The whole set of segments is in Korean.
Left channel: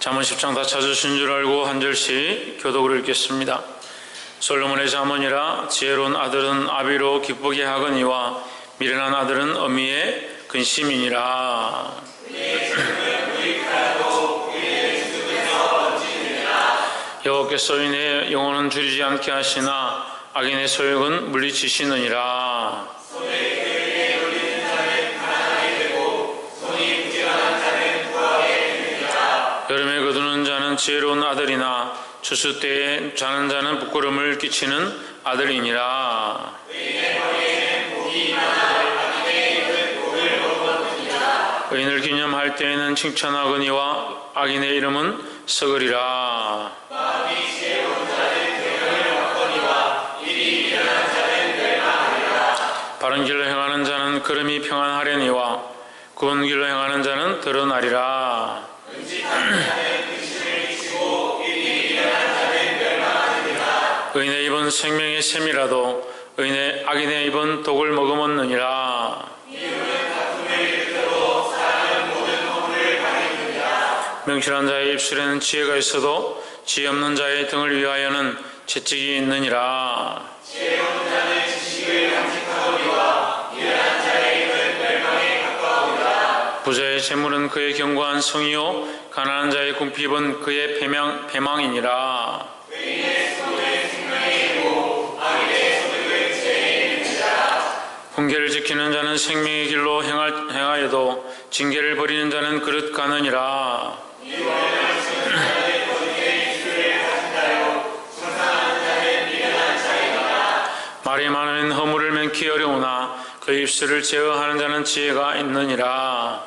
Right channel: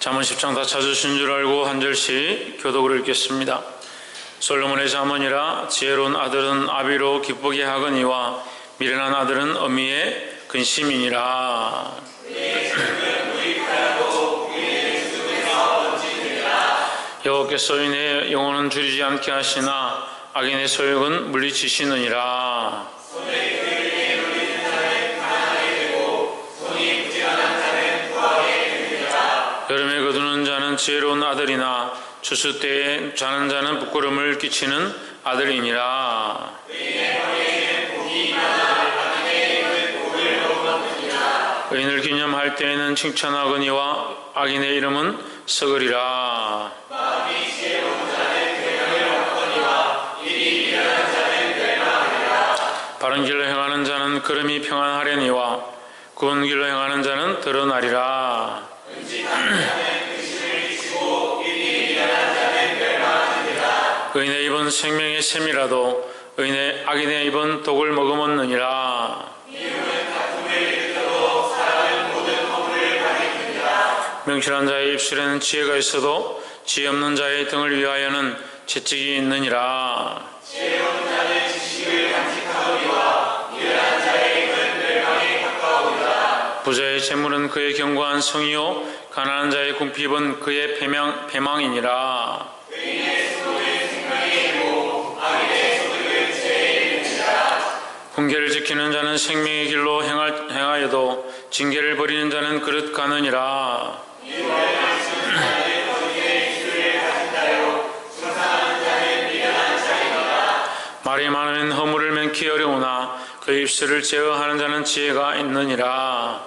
잠언 10장 다 찾으신 줄 알고 한 절씩 교독을 읽겠습니다. 솔로몬의 잠언이라 지혜로운 아들은 아비로 기쁘게 하거니와 미련한 아들은 어미의 근심이니라. 여호와께서 의인의 영혼은 줄이지 않게 하시나 악인의 소욕은 물리치시느니라. 여름에 거두는 자는 지혜로운 아들이나 추수 때에 자는 자는 부끄러움을 끼치는 아들이니라. 의인을 기념할 때에는 칭찬하거니와 악인의 이름은 썩으리라. 바른 길로 행하는 자는 걸음이 평안하려니와 구운 길로 행하는 자는 드러나리라. 의인의 입은 생명의 샘이라도 악인의 입은 독을 머금었느니라. 명철한 자의 입술에는 지혜가 있어도 지혜 없는 자의 등을 위하여는 채찍이 있느니라. 지혜로운 자는 지식을 간직하거니와 미련한 자의 입은 멸망에 가까우리라. 부자의 재물은 그의 견고한 성이요 가난한 자의 궁핍은 그의 배망이니라. 의인의 소득은 생명의 이고 악인의 소득은 죄의 이름이라. 훈계를 지키는 자는 생명의 길로 행하여도 징계를 버리는 자는 그릇 가느니라. 말이 많으면 허물을 면키 어려우나 그 입술을 제어하는 자는 지혜가 있느니라.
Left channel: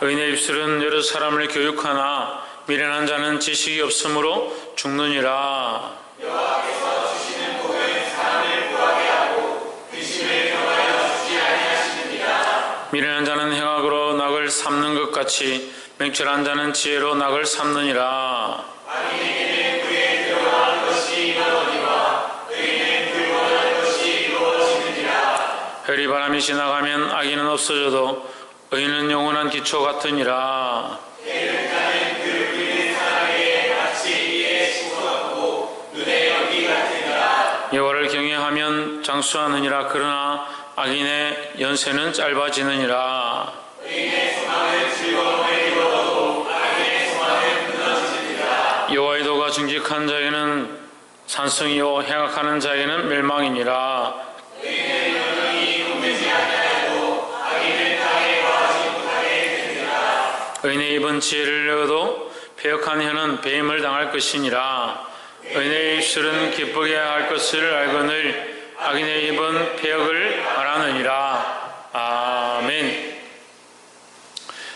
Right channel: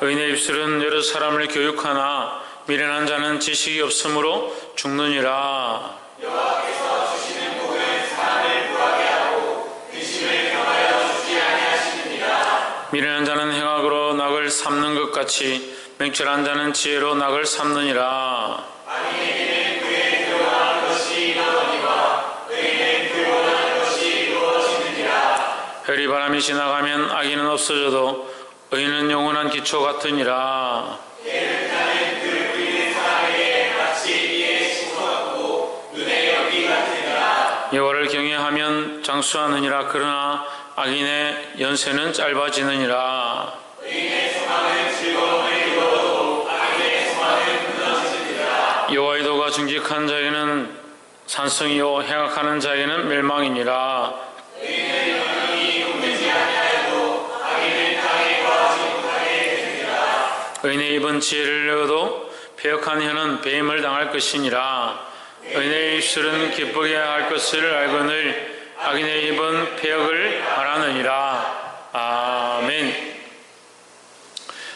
의인의 입술은 여러 사람을 교육하나 미련한 자는 지식이 없으므로 죽느니라. 여호와께서 주시는 복은 사람을 구하게 하고 근심을 경하여 주지 아니하시느니라. 미련한 자는 행악으로 낙을 삼는 것 같이 명철한 자는 지혜로 낙을 삼느니라. 악인에게는 그의 들어가는 것이 이루어지니와 의인은 그 원하는 것이 이루어지느니라. 별이 바람이 지나가면 악인은 없어져도 의인은 영원한 기초 같으니라. 게으른 그 부리는 사람에게 마치 이에 심어놓고 눈의 연기 같으니라. 여호와를 경외하면 장수하느니라. 그러나 악인의 연세는 짧아지느니라. 의인의 소망은 즐거움을 이루어도 악인의 소망은 무너지느니라. 여호와의 도가 정직한 자에게는 산성이요 행악하는 자에게는 멸망이니라. 의인의 영광이 굽지 아니하여도 악인은 땅에 거하지 못하게 되느니라. 의인의 입은 지혜를 얻어도 패역한 혀는 배임을 당할 것이니라. 의인의 입술은 기쁘게 할 것을 알거늘 악인의 입은 패역을 말하느니라. 아멘.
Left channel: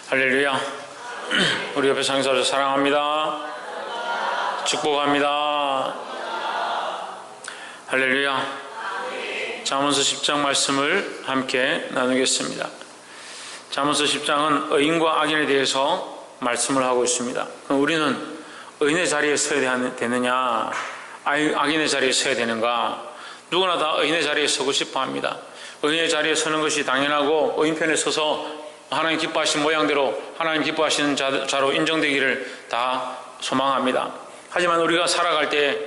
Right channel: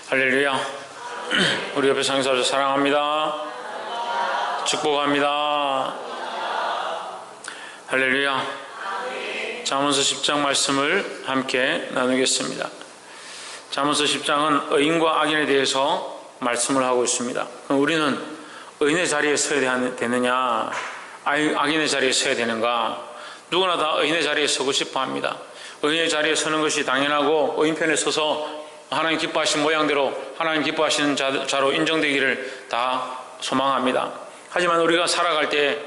할렐루야. 우리 옆에 상사를 사랑합니다. 축복합니다. 할렐루야. 잠언서 10장 말씀을 함께 나누겠습니다. 잠언서 10장은 의인과 악인에 대해서 말씀을 하고 있습니다. 그럼 우리는 의인의 자리에 서야 되느냐, 악인의 자리에 서야 되는가? 누구나 다 의인의 자리에 서고 싶어 합니다. 의인의 자리에 서는 것이 당연하고 의인 편에 서서 하나님 기뻐하신 모양대로 하나님 기뻐하시는 자로 인정되기를 다 소망합니다. 하지만 우리가 살아갈 때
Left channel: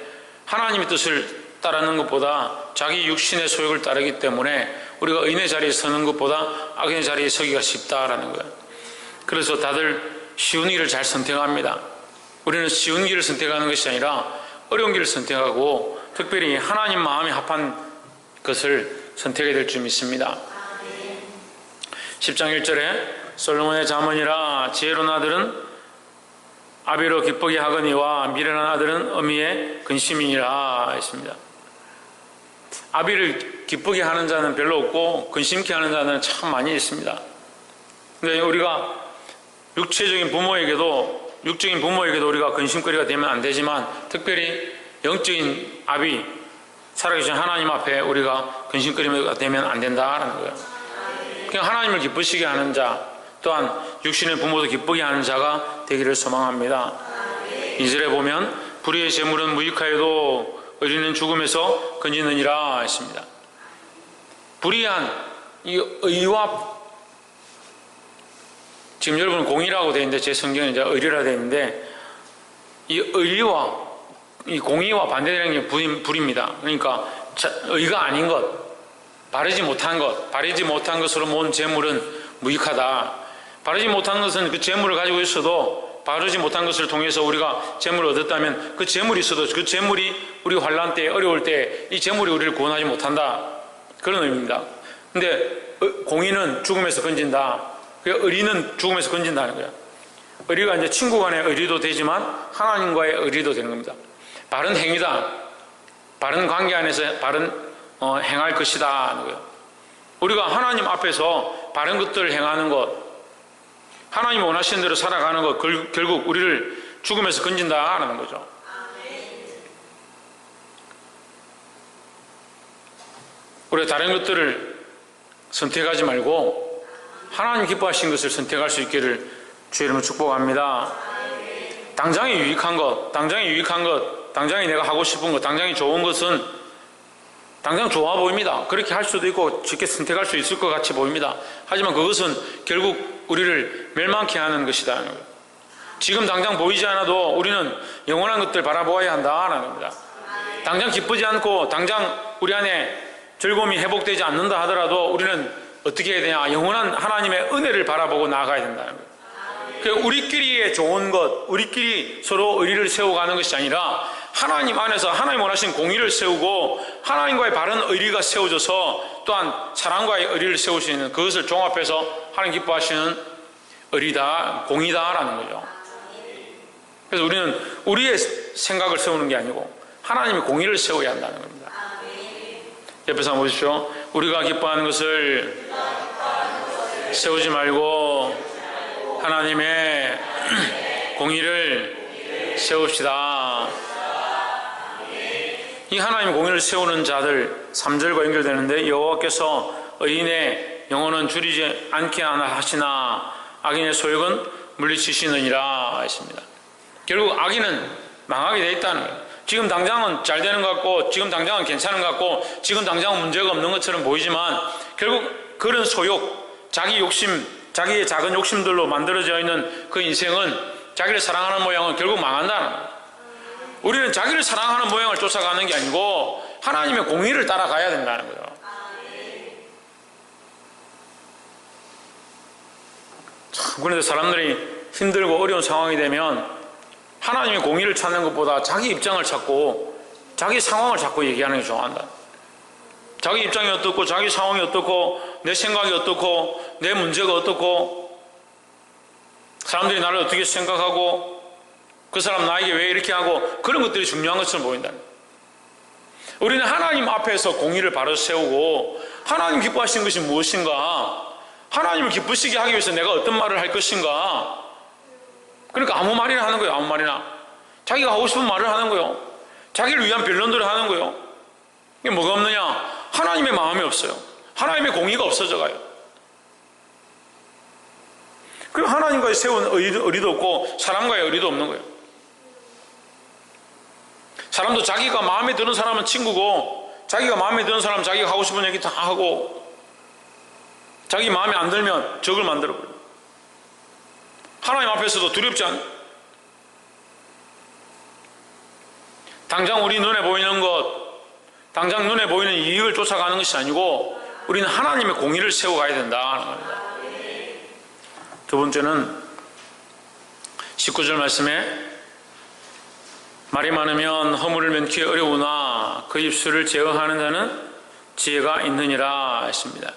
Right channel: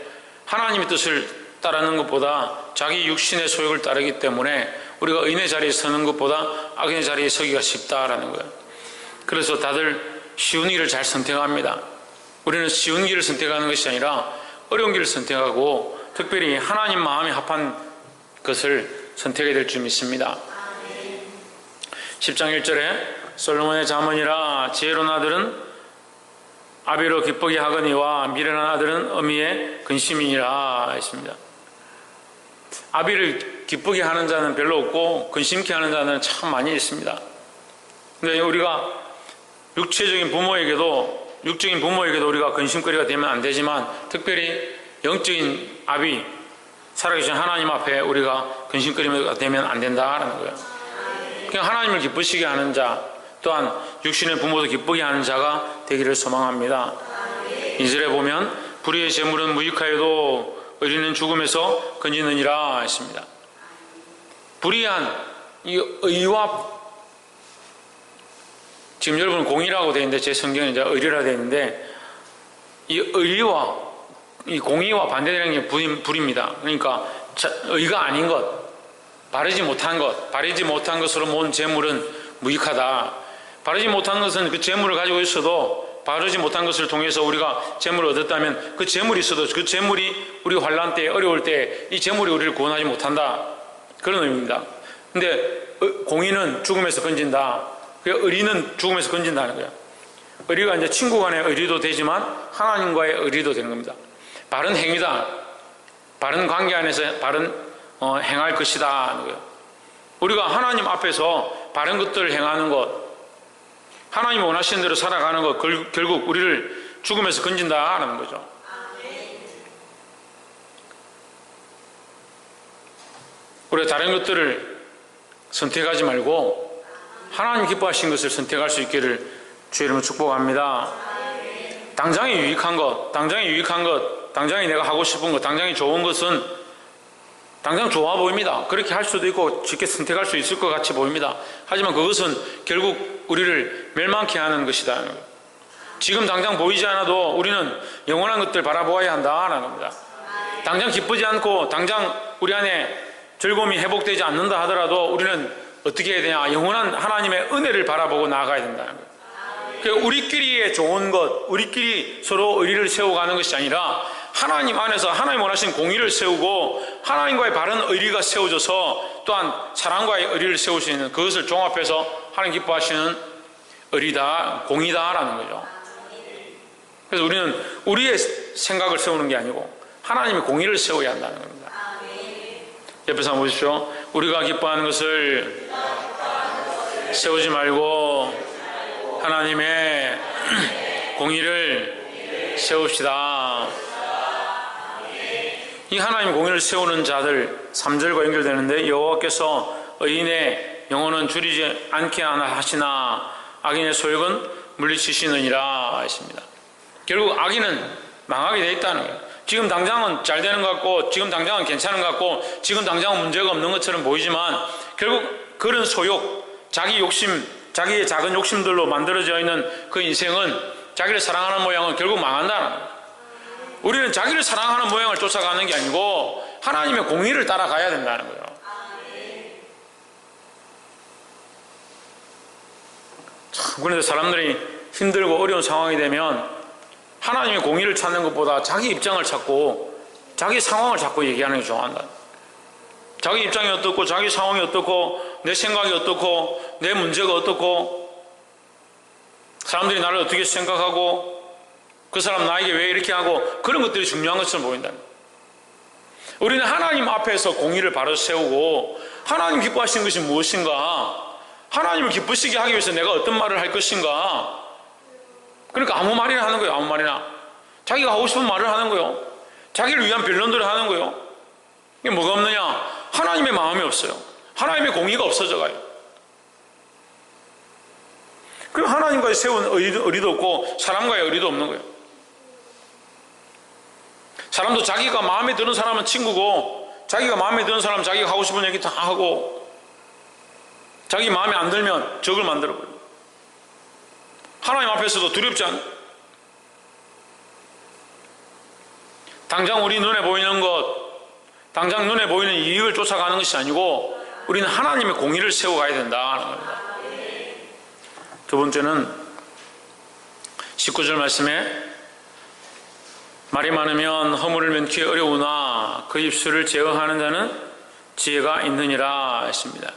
하나님의 뜻을 따르는 것보다 자기 육신의 소욕을 따르기 때문에 우리가 의인의 자리에 서는 것보다 악인의 자리에 서기가 쉽다라는 거예요. 그래서 다들 쉬운 길을 잘 선택합니다. 우리는 쉬운 길을 선택하는 것이 아니라 어려운 길을 선택하고 특별히 하나님 마음에 합한 것을 선택해야 될 줄 믿습니다. 10장 1절에 솔로몬의 잠언이라 지혜로운 아들은 아비로 기쁘게 하거니와 미련한 아들은 어미의 근심이니라 했습니다. 아비를 기쁘게 하는 자는 별로 없고 근심케 하는 자는 참 많이 있습니다. 근데 우리가 육적인 부모에게도 우리가 근심거리가 되면 안 되지만 특별히 영적인 아비, 살아계신 하나님 앞에 우리가 근심거리가 되면 안 된다라는 거예요. 그냥 하나님을 기쁘시게 하는 자, 또한 육신의 부모도 기쁘게 하는 자가 되기를 소망합니다. 2절에 보면 불의의 재물은 무익하여도 의리는 죽음에서 건지느니라 했습니다. 불의한 이 의와 지금 여러분은 공의라고 되어 있는데 제 성경에 이제 의리라 되어 있는데 이 의리와 이 공의와 반대되는 게 불입니다. 그러니까 의가 아닌 것, 바르지 못한 것으로 모은 재물은 무익하다. 바르지 못한 것은 그 재물을 가지고 있어도 바르지 못한 것을 통해서 우리가 재물을 얻었다면 그 재물이 있어도 그 재물이 우리 환난 때 어려울 때 이 재물이 우리를 구원하지 못한다. 그런 의미입니다. 근데 공의는 죽음에서 건진다. 의리는 죽음에서 건진다는 거예요. 의리가 이제 친구 간의 의리도 되지만 하나님과의 의리도 되는 겁니다. 바른 행위다. 바른 관계 안에서 바른 행할 것이다 하는 거예요. 우리가 하나님 앞에서 바른 것들을 행하는 것, 하나님이 원하시는 대로 살아가는 것, 결국 우리를 죽음에서 건진다 하는 거죠. 우리가 다른 것들을 선택하지 말고 하나님 기뻐하신 것을 선택할 수 있기를 주의 이름으로 축복합니다. 당장에 유익한 것, 당장에 내가 하고 싶은 것, 당장에 좋은 것은 당장 좋아 보입니다. 그렇게 할 수도 있고 쉽게 선택할 수 있을 것 같이 보입니다. 하지만 그것은 결국 우리를 멸망케 하는 것이다. 지금 당장 보이지 않아도 우리는 영원한 것들 바라보아야 한다는 겁니다. 당장 기쁘지 않고 당장 우리 안에 즐거움이 회복되지 않는다 하더라도 우리는 어떻게 해야 되냐? 영원한 하나님의 은혜를 바라보고 나아가야 된다는 거예요. 우리끼리의 좋은 것, 우리끼리 서로 의리를 세워가는 것이 아니라 하나님 안에서 하나님 원하신 공의를 세우고 하나님과의 바른 의리가 세워져서 또한 사랑과의 의리를 세울 수 있는 그것을 종합해서 하나님 기뻐하시는 의리다, 공의다라는 거죠. 그래서 우리는 우리의 생각을 세우는 게 아니고 하나님의 공의를 세워야 한다는 겁니다. 옆에서 한번 보십시오. 우리가 기뻐하는 것을 세우지 말고 하나님의 공의를 세웁시다. 이 하나님의 공의를 세우는 자들 3절과 연결되는데 여호와께서 의인의 영혼은 줄이지 않게 하시나 악인의 소욕은 물리치시느니라 했습니다. 결국 악인은 망하게 돼 있다는 거예요. 지금 당장은 잘 되는 것 같고 지금 당장은 괜찮은 것 같고 지금 당장은 문제가 없는 것처럼 보이지만 결국 그런 소욕, 자기 욕심, 자기의 작은 욕심들로 만들어져 있는 그 인생은 자기를 사랑하는 모양은 결국 망한다는 거예요. 우리는 자기를 사랑하는 모양을 쫓아가는 게 아니고 하나님의 공의를 따라가야 된다는 거예요. 참, 그런데 사람들이 힘들고 어려운 상황이 되면 하나님의 공의를 찾는 것보다 자기 입장을 찾고 자기 상황을 자꾸 얘기하는 게 좋아한다. 자기 입장이 어떻고 자기 상황이 어떻고 내 생각이 어떻고 내 문제가 어떻고 사람들이 나를 어떻게 생각하고 그 사람 나에게 왜 이렇게 하고 그런 것들이 중요한 것처럼 보인다. 우리는 하나님 앞에서 공의를 바로 세우고 하나님 기뻐하시는 것이 무엇인가, 하나님을 기쁘시게 하기 위해서 내가 어떤 말을 할 것인가. 그러니까 아무 말이나 하는 거예요. 아무 말이나 자기가 하고 싶은 말을 하는 거예요. 자기를 위한 변론들을 하는 거예요. 이게 뭐가 없느냐? 하나님의 마음이 없어요. 하나님의 공의가 없어져 가요. 그럼 하나님과의 세운 의리도 없고 사람과의 의리도 없는 거예요. 사람도 자기가 마음에 드는 사람은 친구고 자기가 마음에 드는 사람은 자기가 하고 싶은 얘기 다 하고 자기 마음에 안 들면 적을 만들어버려요. 하나님 앞에서도 두렵지 않아요. 당장 우리 눈에 보이는 것, 당장 눈에 보이는 이익을 쫓아가는 것이 아니고 우리는 하나님의 공의를 세워가야 된다는 겁니다. 두 번째는 19절 말씀에 말이 많으면 허물을 면키 어려우나 그 입술을 제어하는 자는 지혜가 있느니라 했습니다.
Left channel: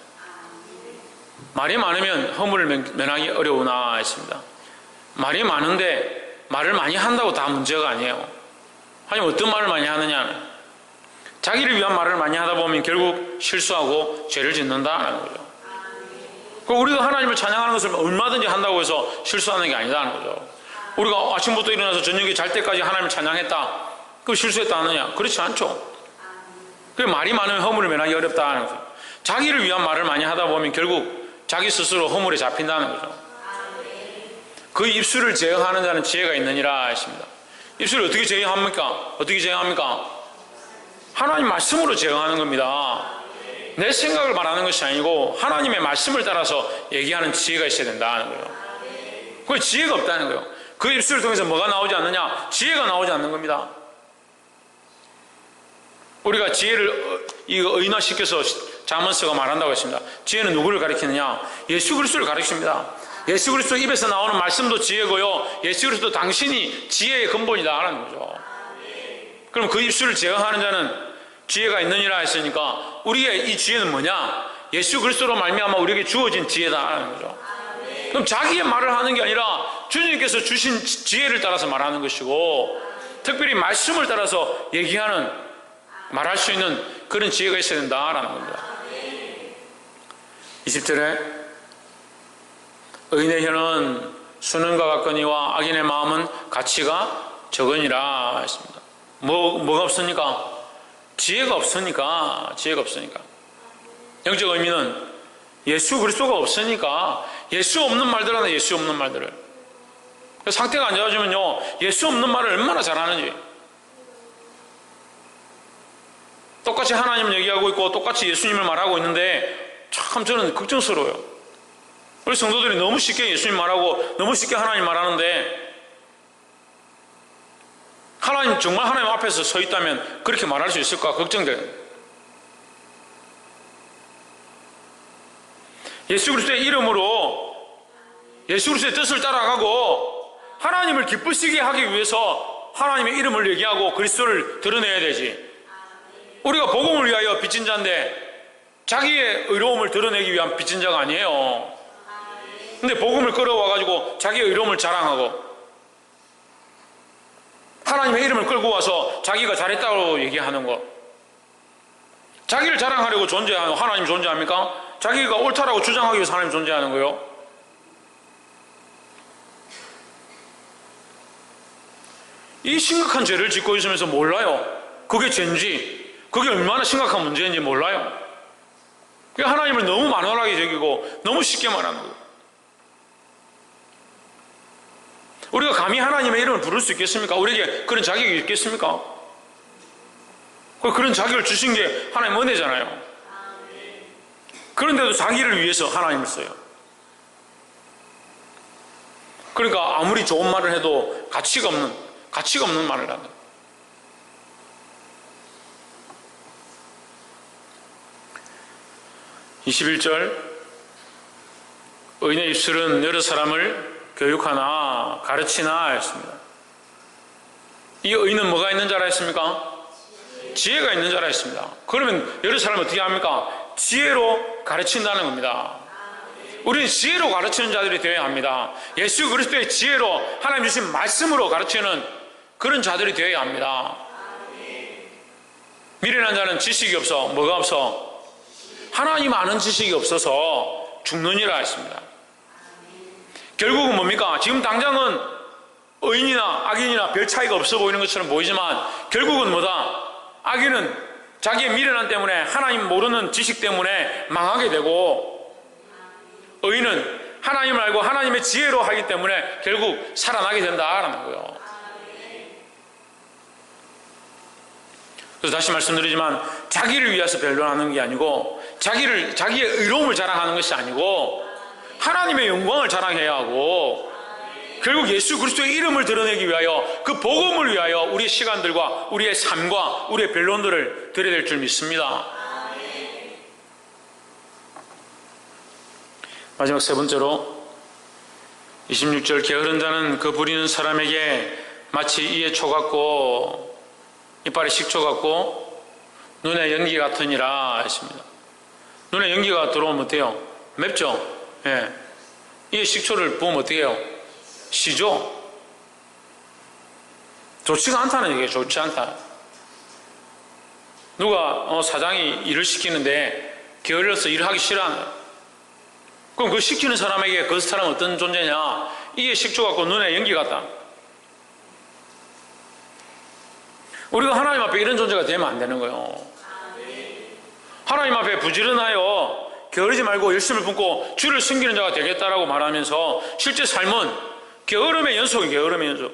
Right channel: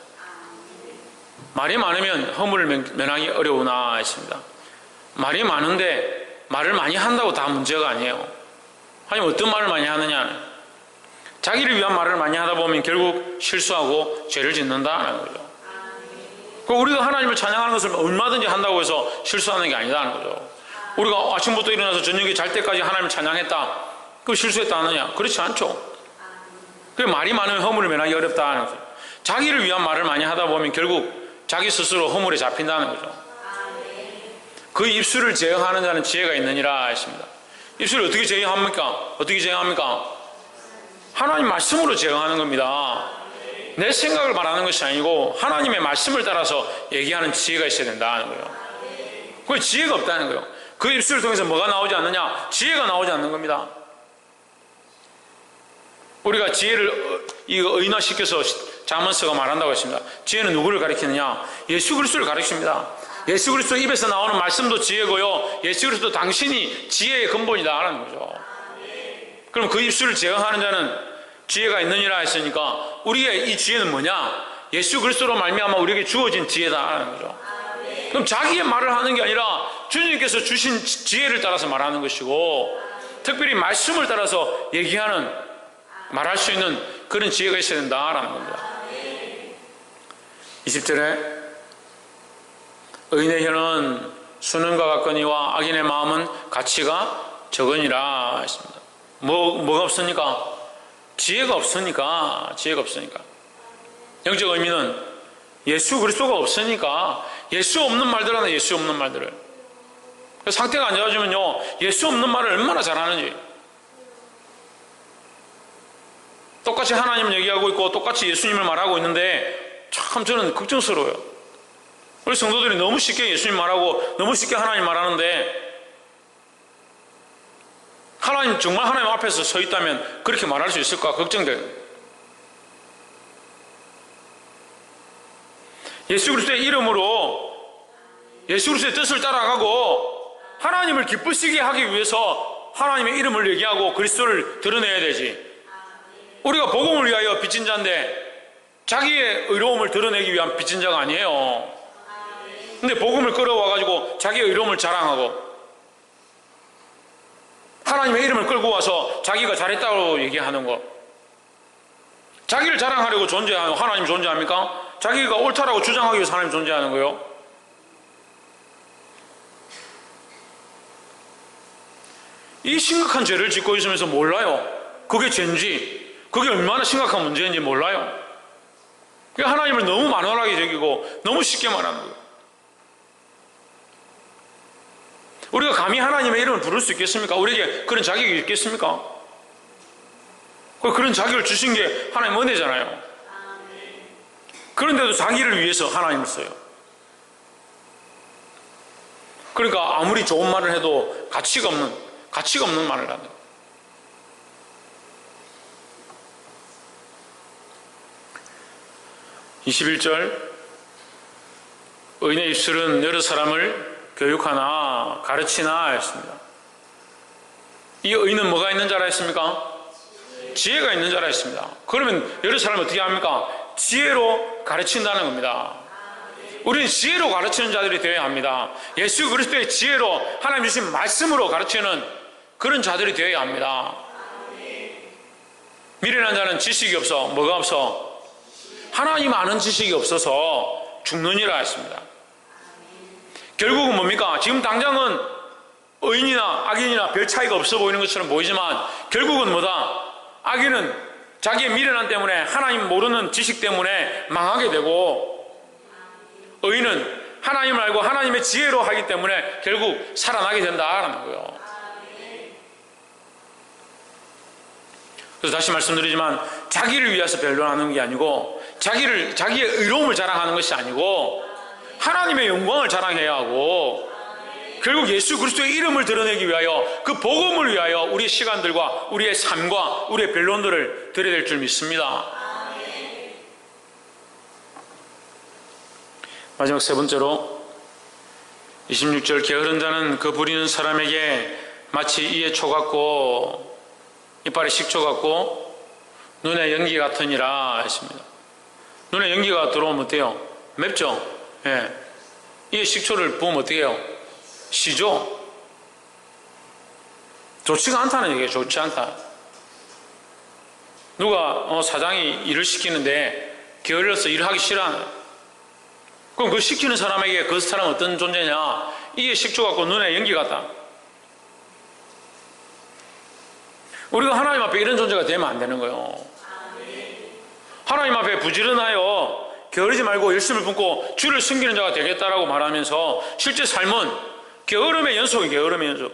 말이 많으면 허물을 면하기 어려우나 했습니다. 말이 많은데 말을 많이 한다고 다 문제가 아니에요. 하지만 어떤 말을 많이 하느냐, 자기를 위한 말을 많이 하다 보면 결국 실수하고 죄를 짓는다는 거죠. 우리가 하나님을 찬양하는 것을 얼마든지 한다고 해서 실수하는 게 아니다는 거죠. 우리가 아침부터 일어나서 저녁에 잘 때까지 하나님을 찬양했다, 그거 실수했다 하느냐? 그렇지 않죠. 그 말이 많으면 허물을 면하기 어렵다는 거죠. 자기를 위한 말을 많이 하다 보면 결국 자기 스스로 허물에 잡힌다는 거죠. 그 입술을 제어하는 자는 지혜가 있느니라 했습니다. 입술을 어떻게 제어합니까? 어떻게 제어합니까? 하나님 말씀으로 제어하는 겁니다. 내 생각을 말하는 것이 아니고 하나님의 말씀을 따라서 얘기하는 지혜가 있어야 된다는 거예요. 그 지혜가 없다는 거예요. 그 입술을 통해서 뭐가 나오지 않느냐? 지혜가 나오지 않는 겁니다. 우리가 지혜를 의인화시켜서 자문서가 말한다고 했습니다. 지혜는 누구를 가리키느냐? 예수 그리스도를 가리킵니다. 예수 그리스도 입에서 나오는 말씀도 지혜고요, 예수 그리스도 당신이 지혜의 근본이다 하는 거죠. 그럼 그 입술을 제어하는 자는 지혜가 있느니라 했으니까 우리의 이 지혜는 뭐냐? 예수 그리스도로 말미암아 우리에게 주어진 지혜다 하는 거죠. 그럼 자기의 말을 하는 게 아니라 주님께서 주신 지혜를 따라서 말하는 것이고, 특별히 말씀을 따라서 얘기하는, 말할 수 있는 그런 지혜가 있어야 된다라는 겁니다. 20절에 의인의 혀는 수능과 같거니와 악인의 마음은 가치가 적으니라 했습니다. 뭐가 없으니까? 지혜가 없으니까. 영적 의미는 예수 그리스도가 없으니까 예수 없는 말들 하나, 예수 없는 말들을. 상태가 안 좋아지면요, 예수 없는 말을 얼마나 잘하는지. 똑같이 하나님을 얘기하고 있고 똑같이 예수님을 말하고 있는데 참 저는 걱정스러워요. 우리 성도들이 너무 쉽게 예수님 말하고 너무 쉽게 하나님 말하는데, 하나님 정말 하나님 앞에서 서 있다면 그렇게 말할 수 있을까 걱정돼요. 예수 그리스도의 이름으로 예수 그리스도의 뜻을 따라가고 하나님을 기쁘시게 하기 위해서 하나님의 이름을 얘기하고 그리스도를 드러내야 되지. 우리가 복음을 위하여 빚진 자인데 자기의 의로움을 드러내기 위한 빚진 자가 아니에요. 근데 복음을 끌어와가지고 자기의 의로움을 자랑하고 하나님의 이름을 끌고 와서 자기가 잘했다고 얘기하는 거. 자기를 자랑하려고 존재하는 하나님 존재합니까? 자기가 옳다라고 주장하기 위해서 하나님 존재하는 거예요. 이 심각한 죄를 짓고 있으면서 몰라요. 그게 죄인지, 그게 얼마나 심각한 문제인지 몰라요. 하나님을 너무 만원하게 여기고 너무 쉽게 말하는 거예요. 우리가 감히 하나님의 이름을 부를 수 있겠습니까? 우리에게 그런 자격이 있겠습니까? 그런 자격을 주신 게 하나님 은혜잖아요. 그런데도 자기를 위해서 하나님을 써요. 그러니까 아무리 좋은 말을 해도 가치가 없는 말을 하는 거예요. 21절 의인의 입술은 여러 사람을 교육하나 가르치나 했습니다. 이 의인은 뭐가 있는 자라 했습니까? 지혜가 있는 자라 했습니다. 그러면 여러 사람을 어떻게 합니까? 지혜로 가르친다는 겁니다. 우리는 지혜로 가르치는 자들이 되어야 합니다. 예수 그리스도의 지혜로 하나님 주신 말씀으로 가르치는 그런 자들이 되어야 합니다. 미련한 자는 지식이 없어. 뭐가 없어? 하나님 아는 지식이 없어서 죽느니라 했습니다. 결국은 뭡니까? 지금 당장은 의인이나 악인이나 별 차이가 없어 보이는 것처럼 보이지만 결국은 뭐다? 악인은 자기의 미련함 때문에 하나님 모르는 지식 때문에 망하게 되고, 의인은 하나님을 알고 하나님의 지혜로 하기 때문에 결국 살아나게 된다라는 거예요. 그래서 다시 말씀드리지만 자기를 위해서 변론하는 게 아니고 자기의 의로움을 자랑하는 것이 아니고 하나님의 영광을 자랑해야 하고, 결국 예수 그리스도의 이름을 드러내기 위하여 그 복음을 위하여 우리의 시간들과 우리의 삶과 우리의 변론들을 드려야 될 줄 믿습니다. 마지막 세 번째로 26절 게으른 자는 그 부리는 사람에게 마치 이에 초 같고 이빨에 식초 같고 눈에 연기 같으니라 했습니다. 눈에 연기가 들어오면 어때요? 맵죠? 예. 이에 식초를 부으면 어떻게 해요? 시죠? 좋지가 않다는 얘기예요. 좋지 않다. 누가 사장이 일을 시키는데 게을러서 일을 하기 싫어하는, 그럼 그 시키는 사람에게 그 사람은 어떤 존재냐? 이에 식초 같고 눈에 연기 같다. 우리가 하나님 앞에 이런 존재가 되면 안 되는 거예요. 하나님 앞에 부지런하여 게으르지 말고 열심을 품고 주를 섬기는 자가 되겠다라고 말하면서 실제 삶은 게으름의 연속이에요. 게으름의 연속.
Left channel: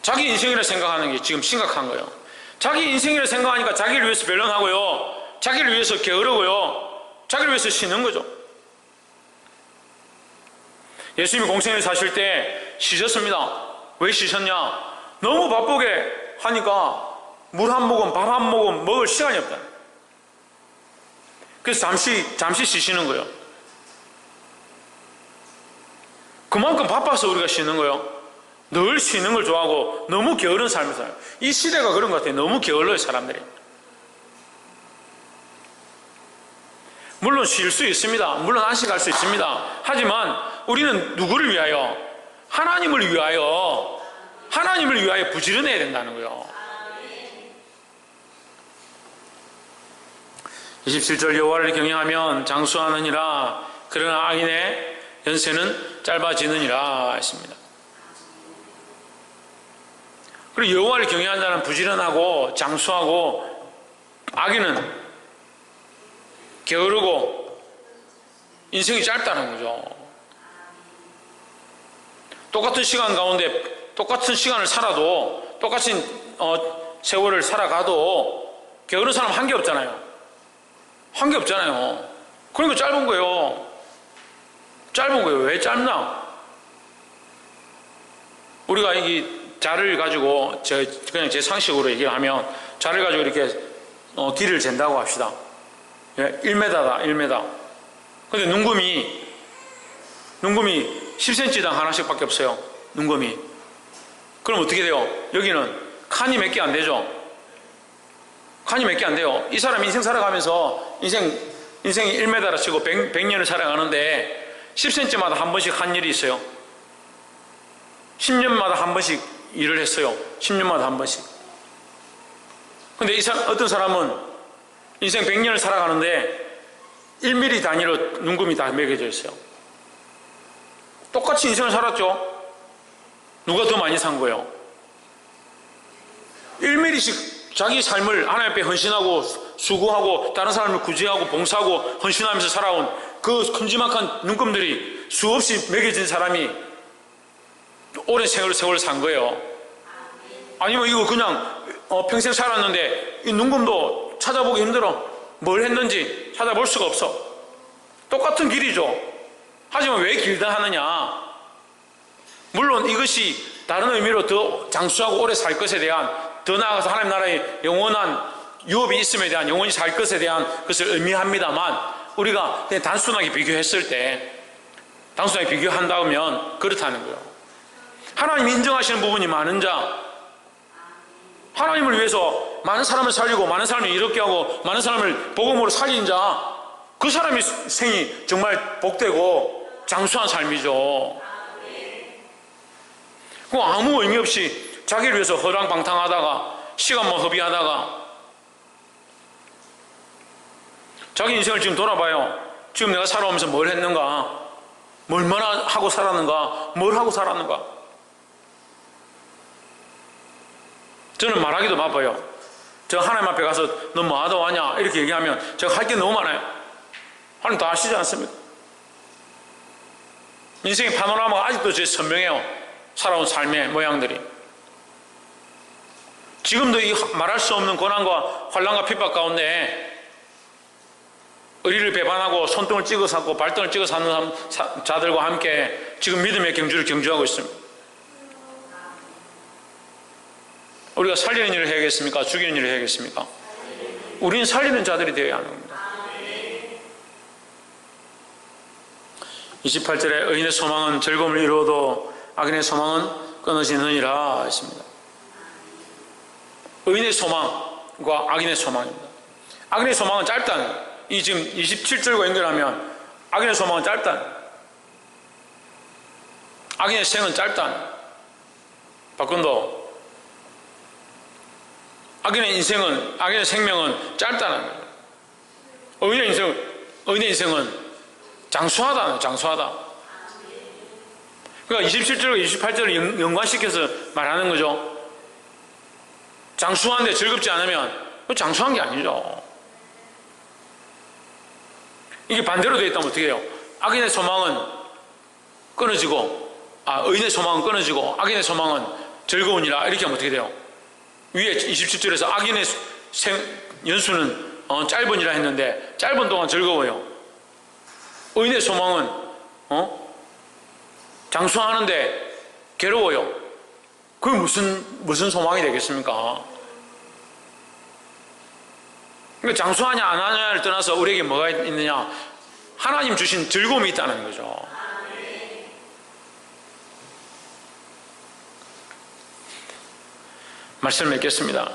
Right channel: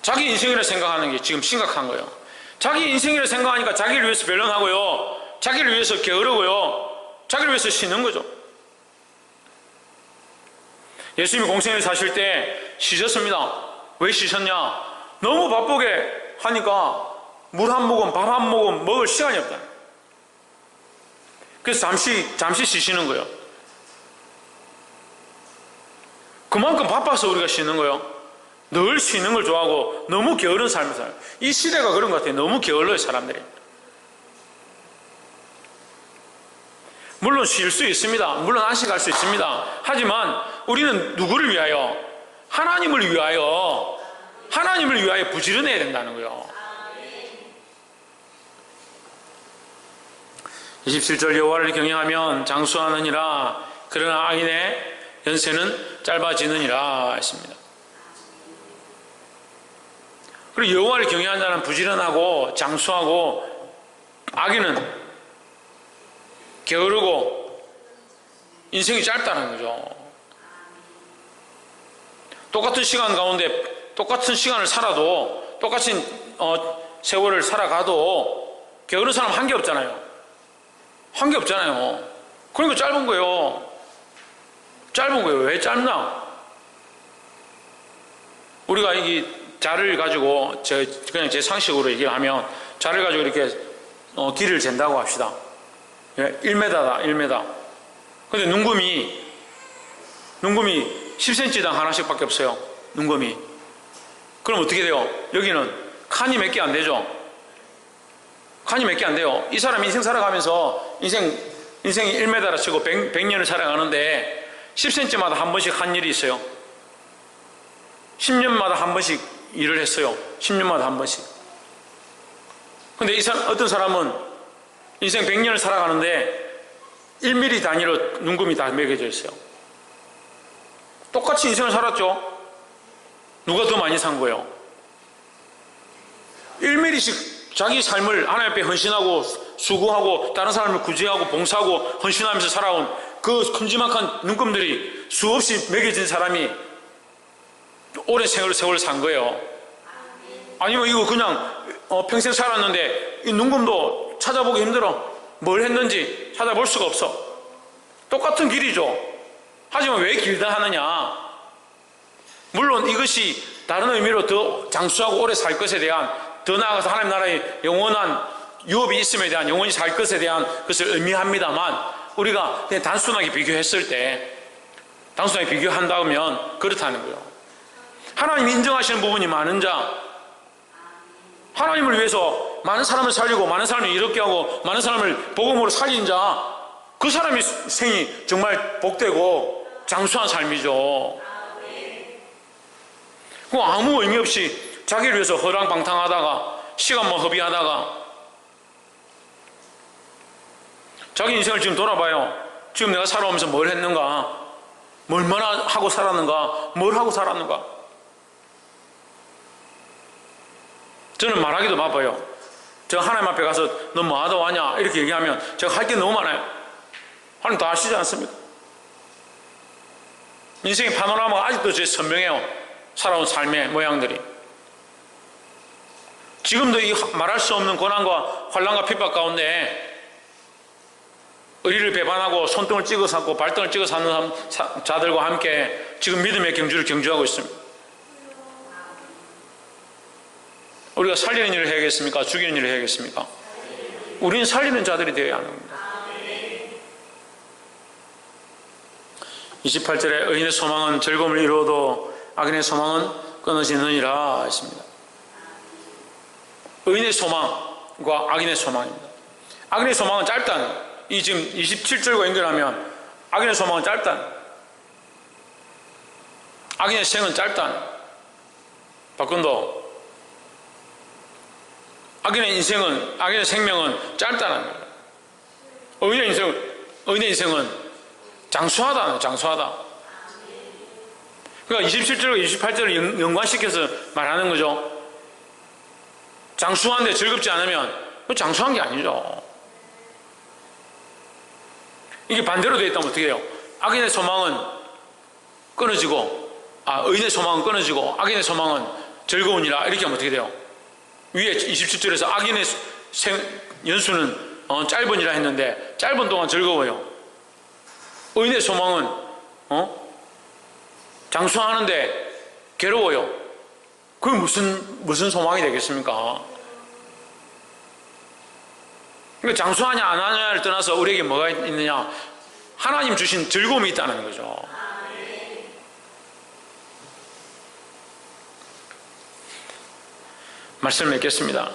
자기 인생이라 생각하는 게 지금 심각한 거예요. 자기 인생이라 생각하니까 자기를 위해서 변론하고요, 자기를 위해서 게으르고요, 자기를 위해서 쉬는 거죠. 예수님이 공생에 사실 때 쉬셨습니다. 왜 쉬셨냐? 너무 바쁘게 하니까 물 한 모금, 밥 한 모금 먹을 시간이 없다. 그래서 잠시 쉬시는 거예요. 그만큼 바빠서 우리가 쉬는 거예요. 늘 쉬는 걸 좋아하고 너무 게으른 삶을 살아요. 이 시대가 그런 것 같아요. 너무 게을러요, 사람들이. 물론 쉴 수 있습니다. 물론 안식할 수 있습니다. 하지만 우리는 누구를 위하여? 하나님을 위하여, 하나님을 위하여 부지런해야 된다는 거예요. 27절 여호와를 경외하면 장수하느니라. 그러나 악인의 연세는 짧아지느니라 했습니다. 그리고 여호와를 경외하는 자는 부지런하고 장수하고, 악인은 게으르고 인생이 짧다는 거죠. 똑같은 시간 가운데 똑같은 시간을 살아도, 똑같은 세월을 살아가도 게으른 사람 한 게 없잖아요. 한 게 없잖아요. 그러니까 짧은 거예요. 짧은 거예요. 왜 짧나? 우리가 이 자를 가지고, 그냥 제 상식으로 얘기하면, 자를 가지고 이렇게 길을 잰다고 합시다. 1m다, 1m. 근데 눈금이 10cm당 하나씩 밖에 없어요. 눈금이. 그럼 어떻게 돼요? 여기는 칸이 몇 개 안 되죠? 칸이 몇 개 안 돼요. 이 사람이 인생 살아가면서, 인생이 1m라 치고 100년을 살아가는데 10cm마다 한 번씩 한 일이 있어요. 10년마다 한 번씩 일을 했어요. 10년마다 한 번씩. 근데 어떤 사람은 인생 100년을 살아가는데 1mm 단위로 눈금이 다 매겨져 있어요. 똑같이 인생을 살았죠. 누가 더 많이 산 거예요? 1mm씩 자기 삶을 하나님 앞에 헌신하고 수고하고 다른 사람을 구제하고 봉사하고 헌신하면서 살아온 그 큼지막한 눈금들이 수없이 매겨진 사람이 오랜 세월을 산 거예요. 아니면 이거 그냥 평생 살았는데 이 눈금도 찾아보기 힘들어. 뭘 했는지 찾아볼 수가 없어. 똑같은 길이죠. 하지만 왜 길다 하느냐? 물론 이것이 다른 의미로 더 장수하고 오래 살 것에 대한, 더 나아가서 하나님 나라의 영원한 유업이 있음에 대한, 영원히 살 것에 대한 것을 의미합니다만, 우리가 그냥 단순하게 비교했을 때, 단순하게 비교한다면 그렇다는 거예요. 하나님이 인정하시는 부분이 많은 자, 하나님을 위해서 많은 사람을 살리고 많은 사람을 이롭게 하고 많은 사람을 복음으로 살린 자, 그 사람의 생이 정말 복되고 장수한 삶이죠. 그 아무 의미 없이 자기를 위해서 허랑방탕하다가 시간만 허비하다가, 자기 인생을 지금 돌아봐요. 지금 내가 살아오면서 뭘 했는가, 얼마나 하고 살았는가, 뭘 하고 살았는가. 저는 말하기도 바빠요. 저 하나님 앞에 가서 너 뭐 하다 왔냐 이렇게 얘기하면 제가 할 게 너무 많아요. 하나님 다 아시지 않습니까? 인생의 파노라마가 아직도 제 선명해요. 살아온 삶의 모양들이. 지금도 이 말할 수 없는 고난과 환난과 핍박 가운데 의리를 배반하고 손등을 찍어 삼고 발등을 찍어 삼는 자들과 함께 지금 믿음의 경주를 경주하고 있습니다. 우리가 살리는 일을 해야겠습니까? 죽이는 일을 해야겠습니까? 우리는 살리는 자들이 되어야 하는 겁니다. 28절에 의인의 소망은 즐거움을 이루어도 악인의 소망은 끊어지느니라 했습니다. 의인의 소망과 악인의 소망입니다. 악인의 소망은 짧다는 거예요. 이 지금 27절과 연결하면 악인의 소망은 짧다는 거예요. 악인의 생은 짧다는 거예요. 박근도 악인의 인생은, 악인의 생명은 짧다는 거예요. 의인의 인생은 장수하다는, 장수하다. 그러니까 27절과 28절을 연관시켜서 말하는 거죠. 장수하는데 즐겁지 않으면 장수한 게 아니죠. 이게 반대로 되어 있다면 어떻게 해요? 악인의 소망은 끊어지고, 의인의 소망은 끊어지고 악인의 소망은 즐거우니라 이렇게 하면 어떻게 돼요? 위에 27절에서 악인의 연수는 짧으니라 했는데 짧은 동안 즐거워요. 의인의 소망은 장수하는데 괴로워요. 그게 무슨 소망이 되겠습니까? 그러니까 장수하냐 안 하냐를 떠나서 우리에게 뭐가 있느냐? 하나님 주신 즐거움이 있다는 거죠. 말씀을 맺겠습니다.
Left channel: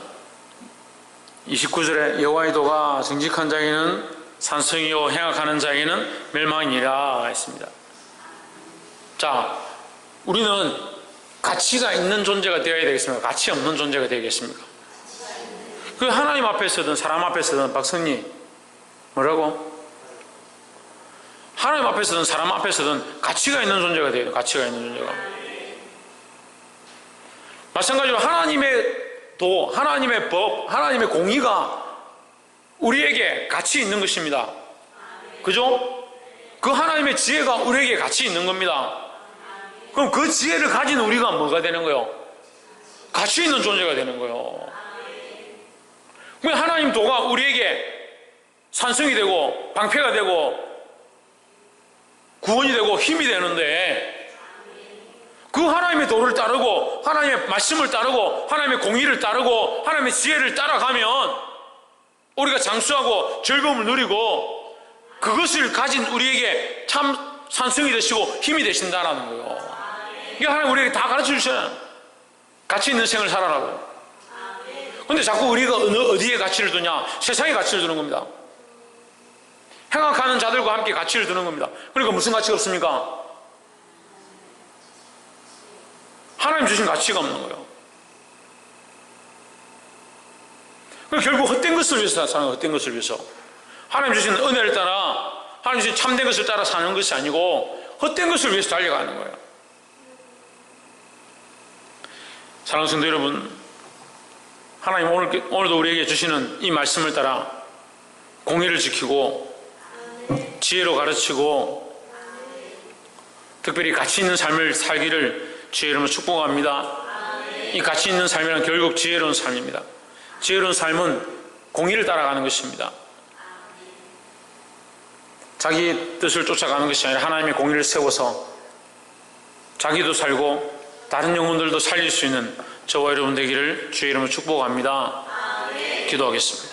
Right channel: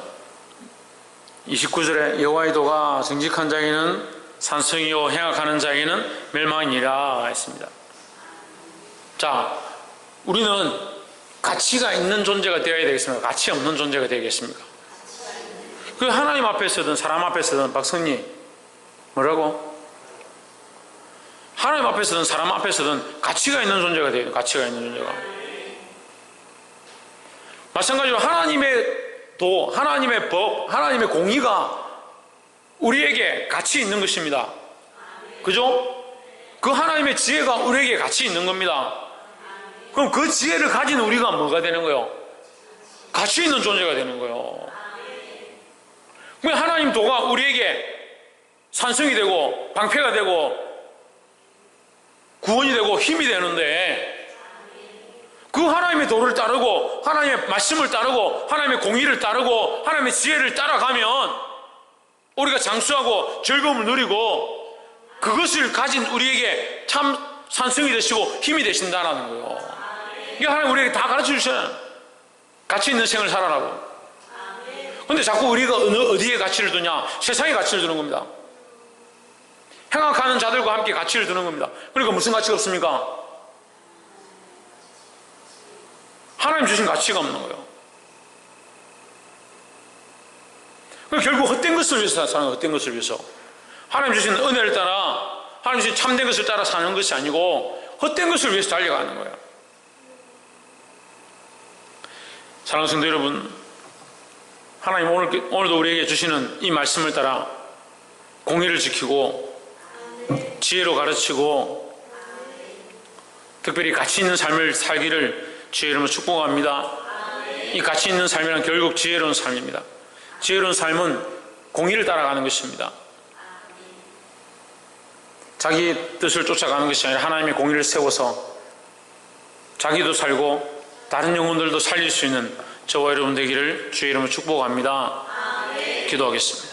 29절에 여호와의 도가 정직한 자에게는 산성이요 행악하는 자에게는 멸망이니라 했습니다. 자, 우리는 가치가 있는 존재가 되어야 되겠습니까? 가치 없는 존재가 되겠습니까? 그 하나님 앞에서든 사람 앞에서든 박성님 뭐라고? 하나님 앞에서든 사람 앞에서든 가치가 있는 존재가 돼요. 가치가 있는 존재가. 마찬가지로 하나님의 도, 하나님의 법, 하나님의 공의가 우리에게 가치 있는 것입니다. 그죠? 그 하나님의 지혜가 우리에게 가치 있는 겁니다. 그럼 그 지혜를 가진 우리가 뭐가 되는 거예요? 가치 있는 존재가 되는 거예요. 그럼 하나님 도가 우리에게 산성이 되고 방패가 되고 구원이 되고 힘이 되는데 그 하나님의 도를 따르고 하나님의 말씀을 따르고 하나님의 공의를 따르고 하나님의 지혜를 따라가면 우리가 장수하고 즐거움을 누리고 그것을 가진 우리에게 참 산성이 되시고 힘이 되신다는 거예요. 이게 하나님 우리에게 다 가르쳐 주셔요. 가치 있는 생을 살아라고. 근데 자꾸 우리가 어디에 가치를 두냐? 세상에 가치를 두는 겁니다. 행악하는 자들과 함께 가치를 두는 겁니다. 그러니까 무슨 가치가 없습니까? 하나님 주신 가치가 없는 거예요. 결국 헛된 것을 위해서 사는 거예요. 헛된 것을 위해서. 하나님 주신 은혜를 따라 하나님 주신 참된 것을 따라 사는 것이 아니고 헛된 것을 위해서 달려가는 거예요. 사랑하는 성도 여러분, 하나님 오늘도 우리에게 주시는 이 말씀을 따라 공의를 지키고 지혜로 가르치고 특별히 가치 있는 삶을 살기를 주의 이름으로 축복합니다. 이 가치 있는 삶이란 결국 지혜로운 삶입니다. 지혜로운 삶은 공의를 따라가는 것입니다. 자기 뜻을 쫓아가는 것이 아니라 하나님의 공의를 세워서 자기도 살고 다른 영혼들도 살릴 수 있는 저와 여러분 되기를 주의 이름으로 축복합니다. 기도하겠습니다.